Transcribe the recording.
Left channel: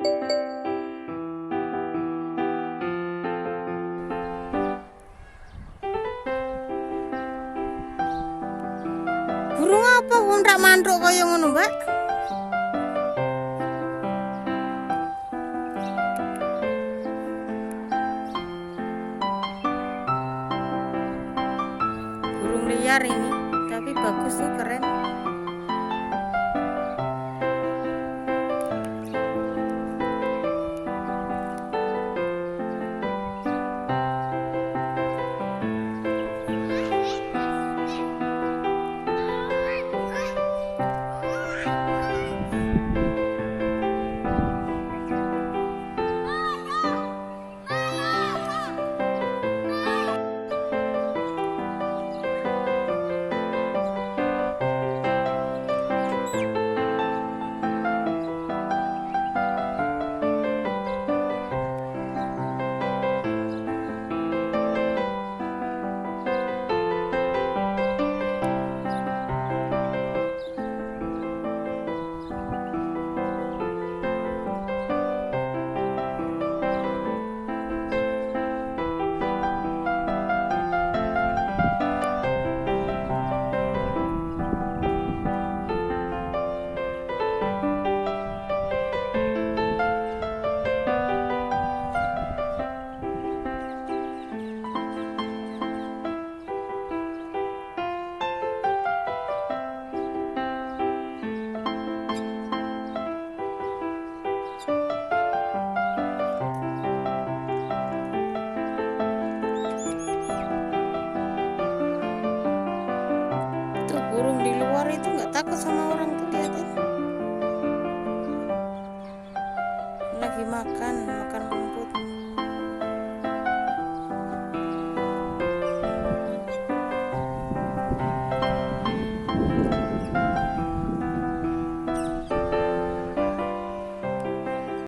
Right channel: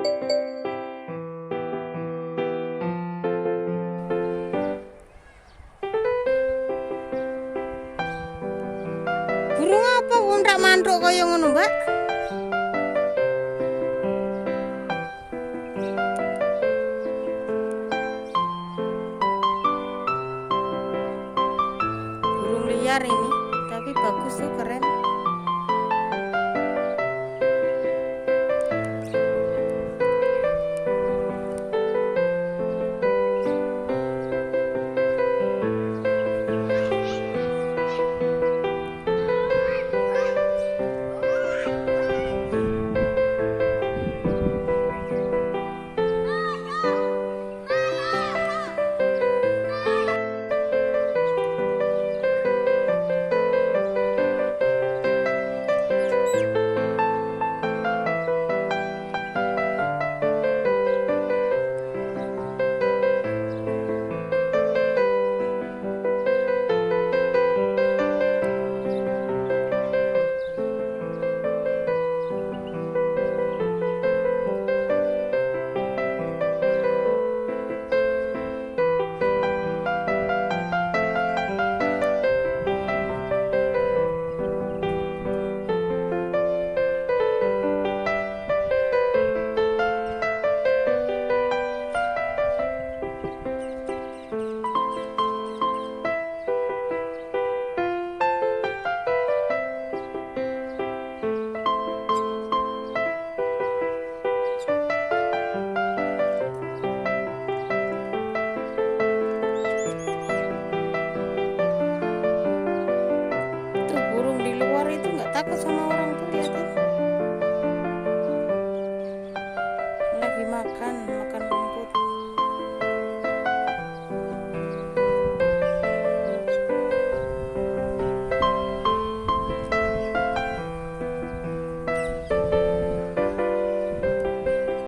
Burung apa undrak manduk kaya ngono, Mbak? Burung liar ini, tapi bagus tuh, keren. Burung di luar itu nggak takut sama orang tuh, lihatin. Lagi makan rumput.